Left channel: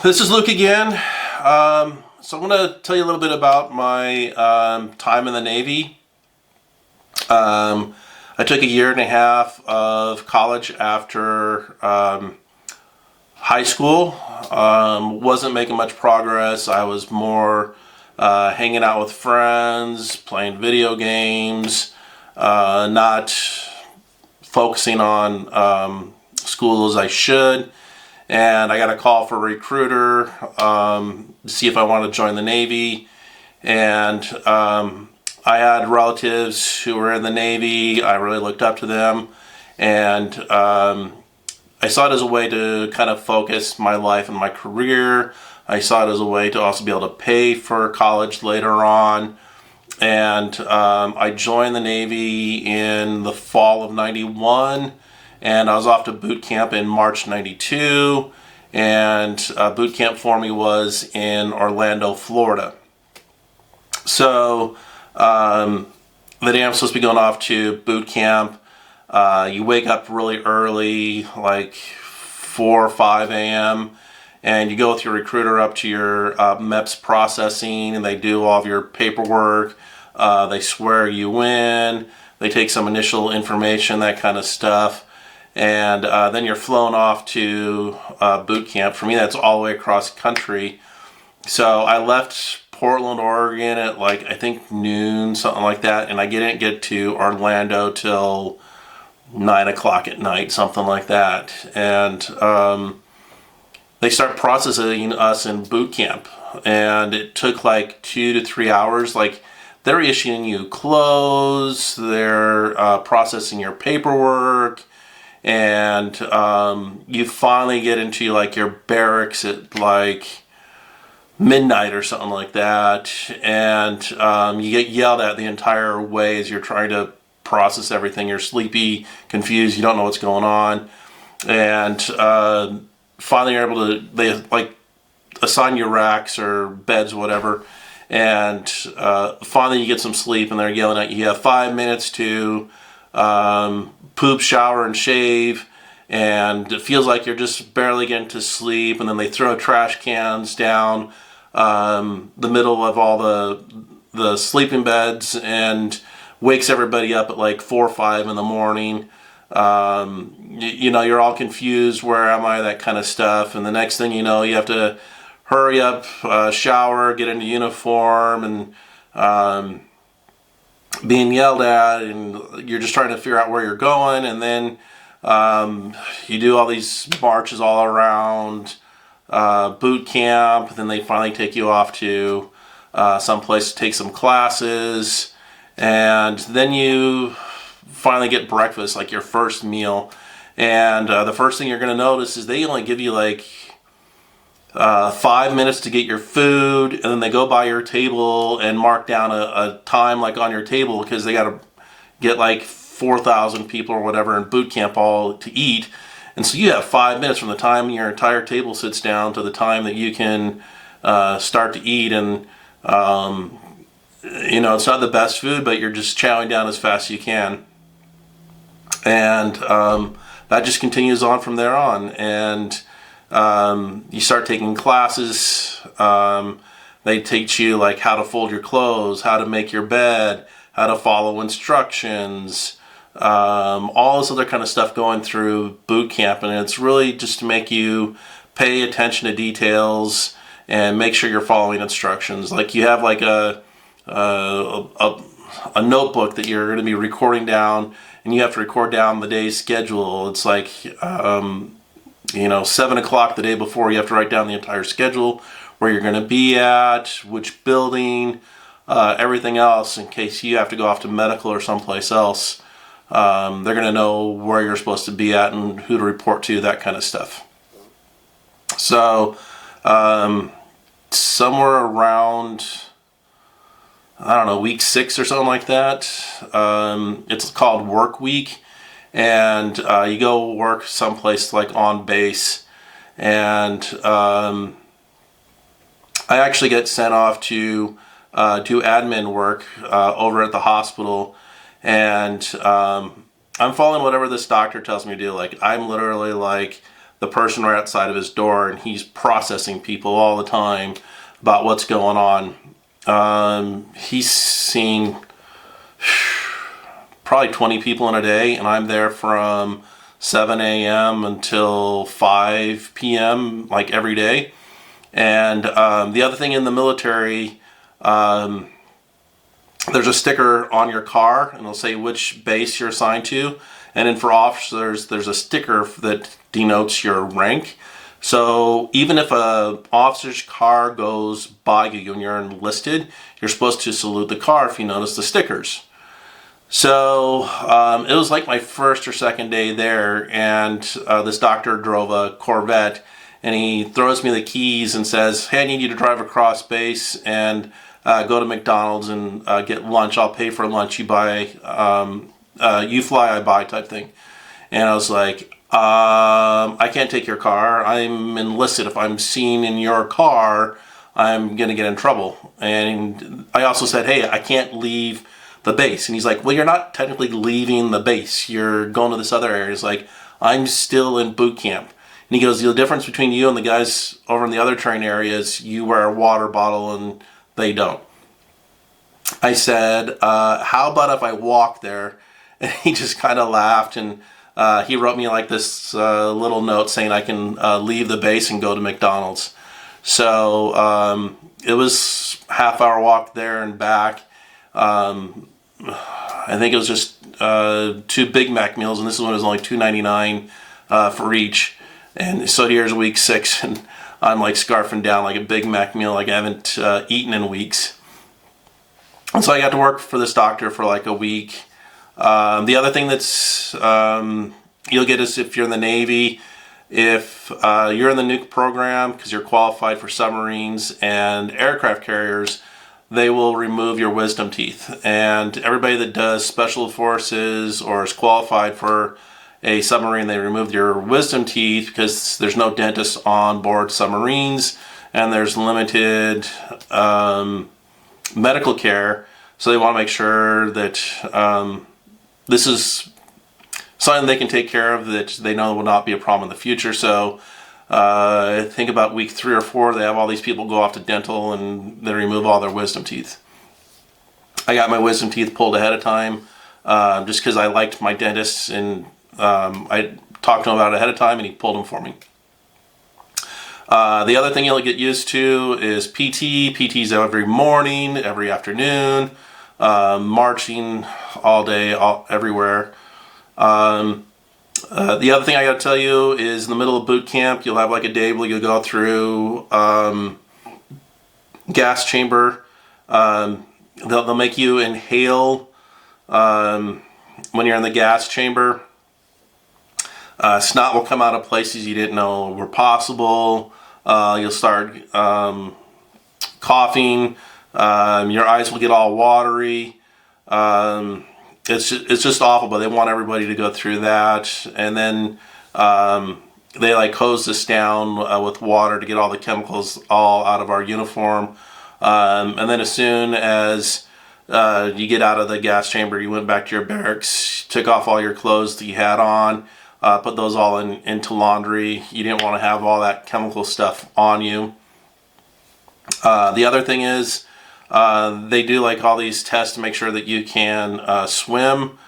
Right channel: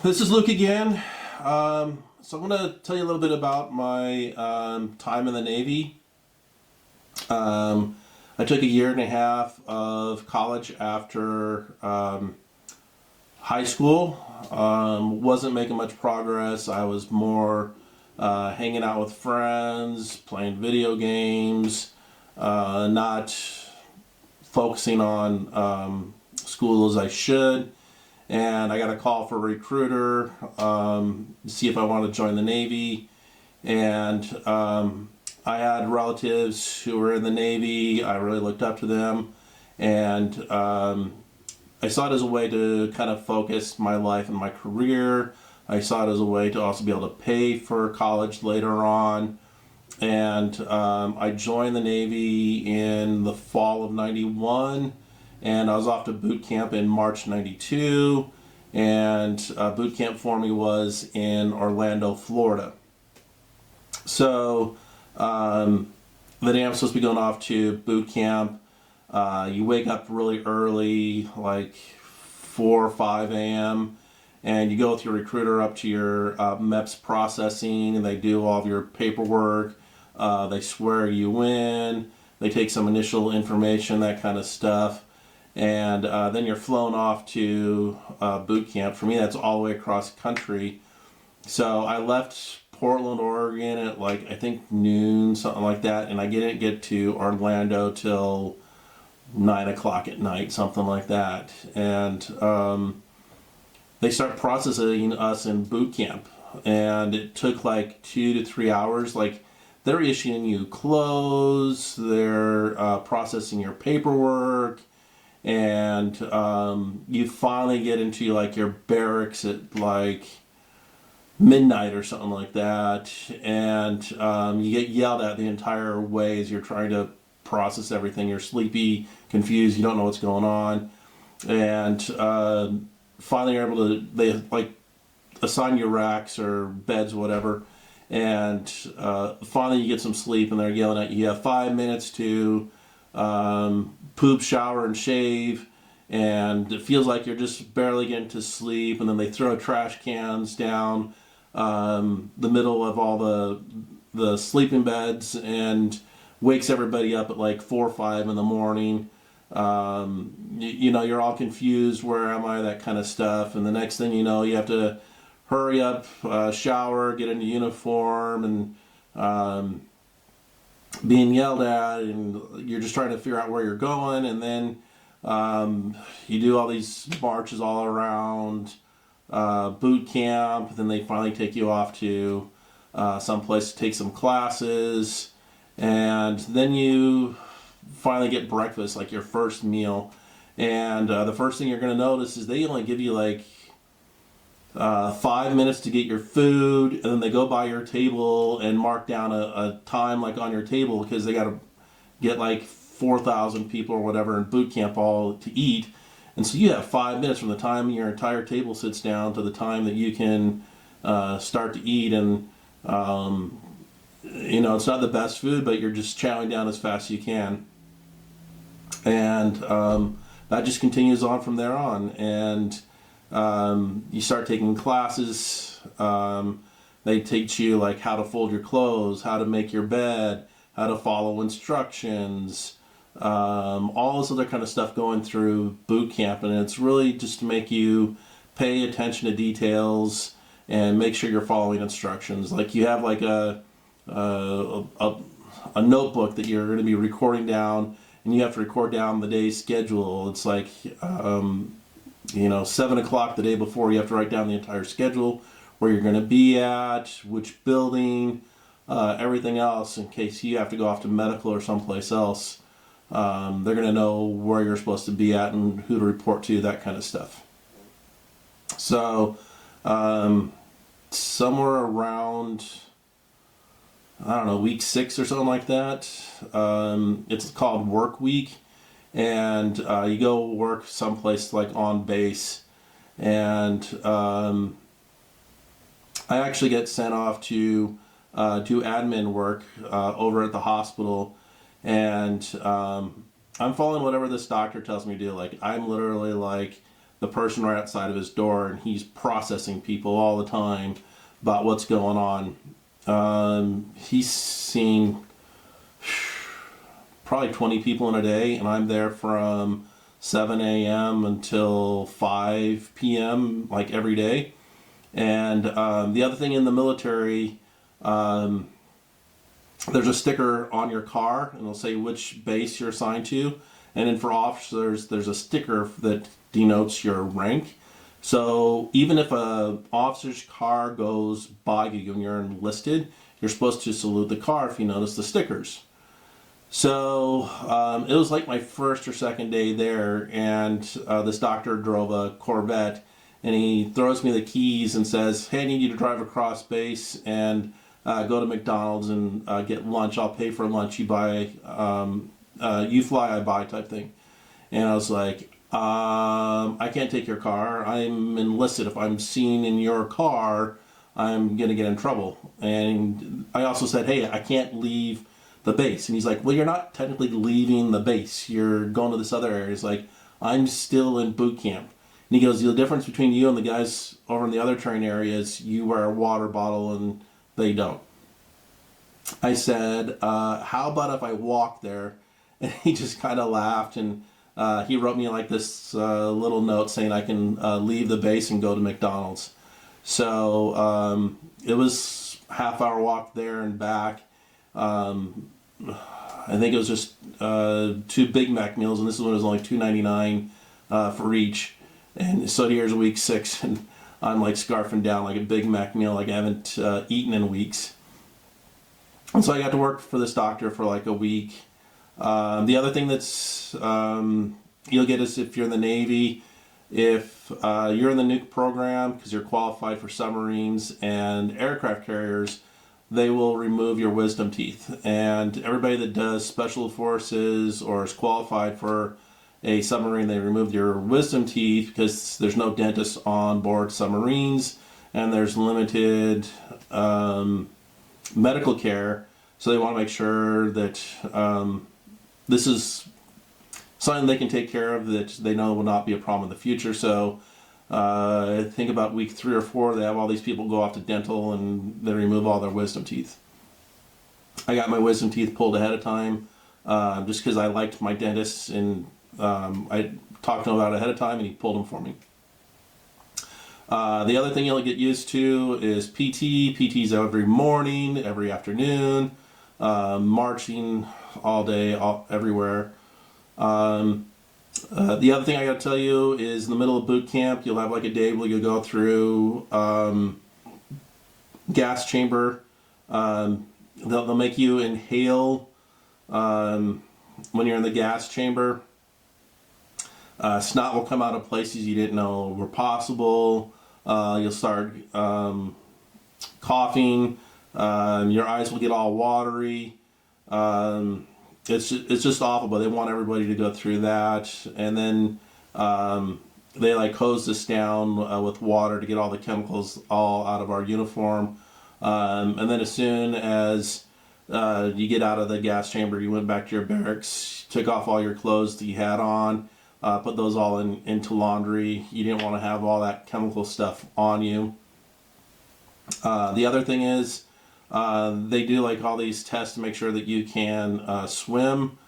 This is Luke again. So I'm going to tell you a little bit about my time in the Navy. I took a year and a half of college after high school. Wasn't making much progress. I was more hanging out with friends, playing video games, not focusing on school as I should. And I got a call for a recruiter to see if I wanted to join the Navy. And I had relatives who were in the Navy. I really looked up to them. And I saw it as a way to kind of focus my life and my career. I saw it as a way to also be able to pay for college later on. And I joined the Navy in the fall of '91, and I was off to boot camp in March '92, and boot camp for me was in Orlando, Florida. So the day I'm supposed to be going off to boot camp, you wake up really early, like 4 or 5 a.m., and you go with your recruiter up to your MEPS processing, and they do all of your paperwork. They swear you in. They take some initial information, that kind of stuff. And then you're flown off to boot camp. For me, that's all the way across the country. So I left Portland, Oregon at like, I think noon, something like that. And I didn't get to Orlando till 9 o'clock at night, something like that. And they start processing us in boot camp. And it took like 2 to 3 hours. Like, they're issuing you clothes, they're processing your paperwork, and you finally get into like your barracks at like midnight or something like that, and you get yelled at the entire way as you're trying to process everything. You're sleepy, confused, you don't know what's going on, and finally you're able to, they like assign you racks or beds, whatever. And finally you get some sleep, and they're yelling at you. You have 5 minutes to poop, shower, and shave, and it feels like you're just barely getting to sleep. And then they throw trash cans down the middle of all the sleeping beds and wakes everybody up at like 4 or 5 in the morning. You know, you're all confused. Where am I? That kind of stuff. And the next thing you know, you have to hurry up, shower, get into uniform, and being yelled at, and you're just trying to figure out where you're going. And then you do all these marches all around boot camp. Then they finally take you off to some place to take some classes, and then you finally get breakfast, like your first meal. And the first thing you're going to notice is they only give you like 5 minutes to get your food, and then they go by your table and mark down a time like on your table, because they got to get like 4,000 people or whatever in boot camp all to eat. And so you have 5 minutes from the time your entire table sits down to the time that you can start to eat. And you know, it's not the best food, but you're just chowing down as fast as you can. And that just continues on from there on. And you start taking classes. They teach you like how to fold your clothes, how to make your bed, how to follow instructions, all this other kind of stuff going through boot camp. And it's really just to make you pay attention to details and make sure you're following instructions. Like, you have like a notebook that you're going to be recording down, and you have to record down the day's schedule. It's like 7 o'clock the day before, you have to write down the entire schedule, where you're going to be at, which building, everything else, in case you have to go off to medical or someplace else. They're going to know where you're supposed to be at and who to report to, that kind of stuff. So somewhere around, I don't know, week 6 or something like that, it's called work week. And you go work someplace like on base, and I actually get sent off to do admin work over at the hospital. And I'm following whatever this doctor tells me to do. Like, I'm literally like the person right outside of his door, and he's processing people all the time about what's going on. He's seen probably 20 people in a day, and I'm there from 7 a.m. until 5 p.m. like every day. And the other thing in the military, there's a sticker on your car, and it'll say which base you're assigned to. And then for officers, there's a sticker that denotes your rank. So even if a officer's car goes by you and you're enlisted, you're supposed to salute the car if you notice the stickers. So it was like my first or second day there, and this doctor drove a Corvette, and he throws me the keys and says, "Hey, I need you to drive across base and go to McDonald's and get lunch. I'll pay for lunch. You buy, you fly, I buy," type thing. And I was like, I can't take your car. I'm enlisted. If I'm seen in your car, I'm going to get in trouble. And I also said, hey, I can't leave the base. And he's like, well, you're not technically leaving the base. You're going to this other area. It's like, I'm still in boot camp. And he goes, the difference between you and the guys over in the other train areas, you wear a water bottle and they don't. I said, how about if I walk there? And he just kind of laughed, and he wrote me like this little note saying I can leave the base and go to McDonald's. So it was half-hour walk there and back. I think it was just 2 Big Mac meals, and this one was only $2.99 for each. And so here's week 6, and I'm like scarfing down like a Big Mac meal like I haven't eaten in weeks. And so I got to work for this doctor for like a week. The other thing that's you'll get is if you're in the Navy, if you're in the nuke program, because you're qualified for submarines and aircraft carriers, they will remove your wisdom teeth. And everybody that does special forces or is qualified for a submarine, they remove your wisdom teeth because there's no dentist on board submarines, and there's limited medical care. So they want to make sure that this is something they can take care of, that they know will not be a problem in the future. So I think about week 3 or 4, they have all these people go off to dental and they remove all their wisdom teeth. I got my wisdom teeth pulled ahead of time just because I liked my dentist, and I talked to him about it ahead of time and he pulled them for me. The other thing you'll get used to is PT. PT's every morning, every afternoon, marching all day, everywhere. The other thing I got to tell you is in the middle of boot camp, you'll have like a day where you'll go through gas chamber. They'll make you inhale when you're in the gas chamber. Snot will come out of places you didn't know were possible. You'll start coughing. Your eyes will get all watery. It's just awful, but they want everybody to go through that. And then they like hose us down with water to get all the chemicals all out of our uniform. And then as soon as you get out of the gas chamber, you went back to your barracks, took off all your clothes that you had on, put those all into laundry. You didn't want to have all that chemical stuff on you. The other thing is they do like all these tests to make sure that you can swim.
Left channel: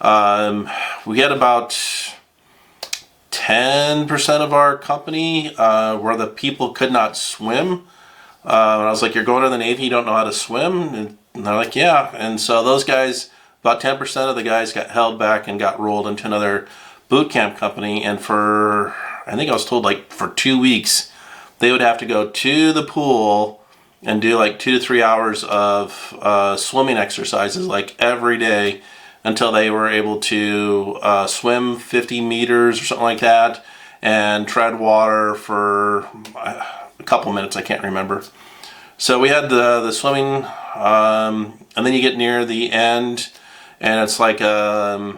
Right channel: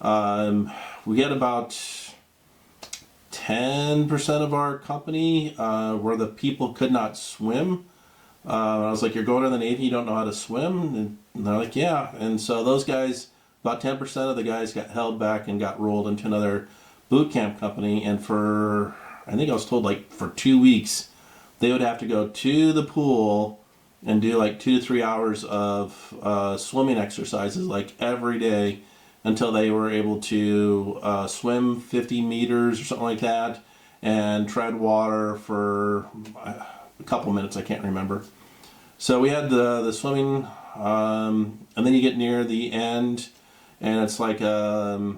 We had about 10% of our company where the people could not swim. And I was like, you're going to the Navy, you don't know how to swim? And they're like, yeah. And so those guys, about 10% of the guys got held back and got rolled into another boot camp company. And for, I think I was told like for 2 weeks, they would have to go to the pool and do like 2 to 3 hours of swimming exercises like every day until they were able to swim 50 meters or something like that and tread water for a couple minutes, I can't remember. So we had the swimming, and then you get near the end, and it's like the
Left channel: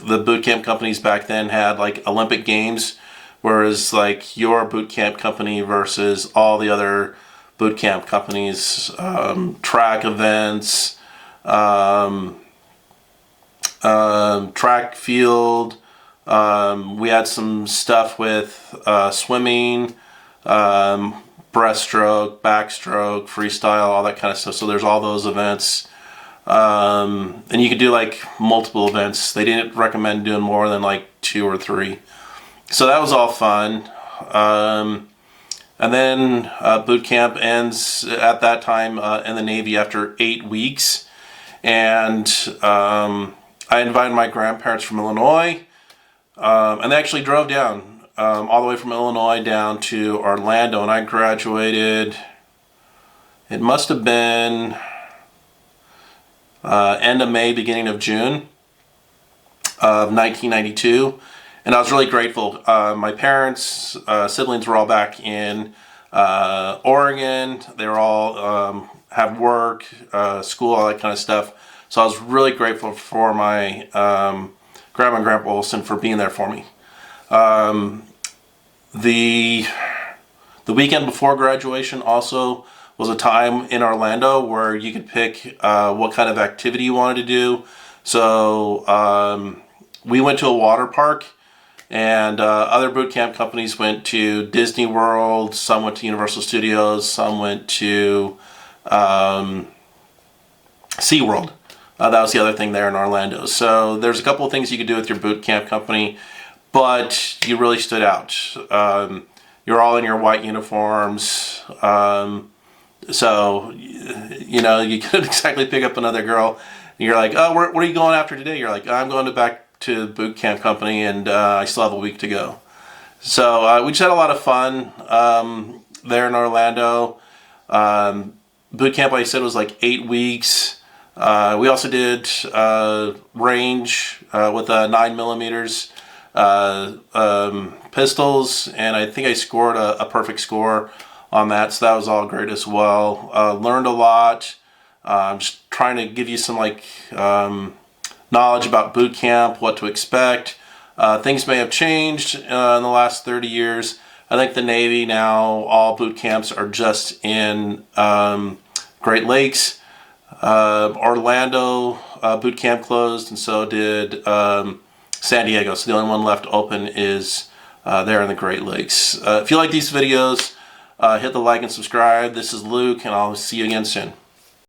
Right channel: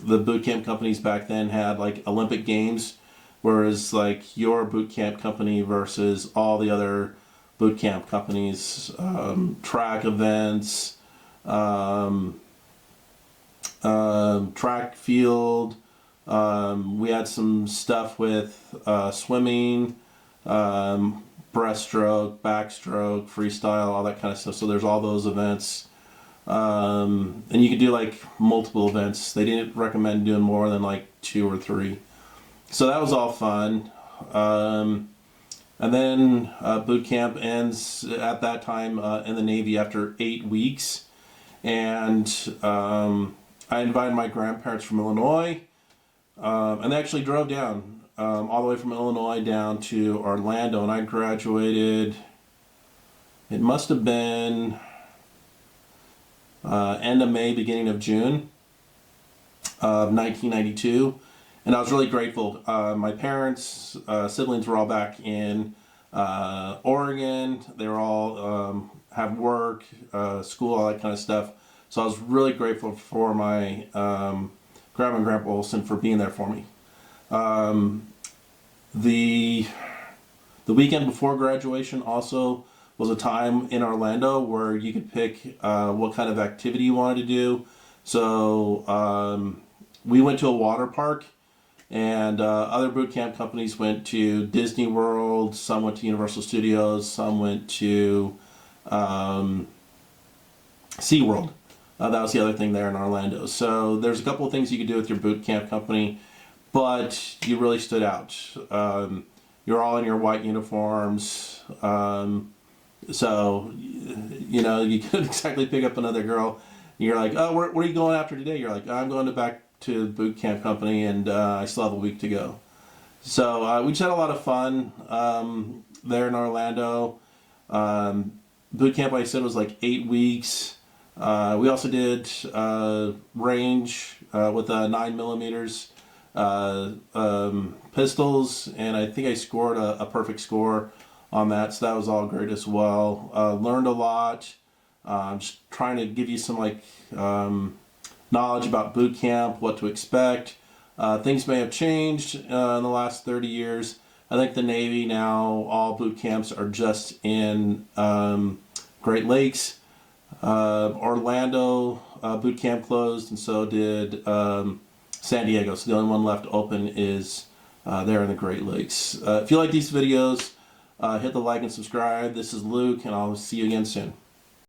boot camp companies back then had like Olympic Games, whereas like your boot camp company versus all the other boot camp companies, track events, track field, We had some stuff with swimming, breaststroke, backstroke, freestyle, all that kind of stuff. So there's all those events. And you could do like multiple events. They didn't recommend doing more than like 2 or 3. So that was all fun. And then boot camp ends at that time in the Navy after 8 weeks. And I invited my grandparents from Illinois. And they actually drove down all the way from Illinois down to Orlando. And I graduated, it must have been end of May, beginning of June of 1992. And I was really grateful. My parents, siblings were all back in Oregon. They were all have work, school, all that kind of stuff. So I was really grateful for my Grandma and Grandpa Olson for being there for me. The weekend before graduation also was a time in Orlando where you could pick what kind of activity you wanted to do. So we went to a water park, and other boot camp companies went to Disney World, some went to Universal Studios, some went to SeaWorld. That was the other thing there in Orlando. So there's a couple of things you could do with your boot camp company, but you really stood out. You're all in your white uniforms. So, you know, you couldn't exactly pick up another girl. You're like, oh, what are you going after today? You're like, I'm going back to the boot camp company, and I still have a week to go. So we just had a lot of fun there in Orlando. Boot camp, like I said, was like 8 weeks. We also did range with 9mm pistols, and I think I scored a perfect score on that, so that was all great as well. Learned a lot. Just trying to give you some like knowledge about boot camp, what to expect. Things may have changed in the last 30 years. I think the Navy now, all boot camps are just in Great Lakes. Orlando boot camp closed, and so did San Diego. So the only one left open is there in the Great Lakes. If you like these videos, hit the like and subscribe. This is Luke, and I'll see you again soon.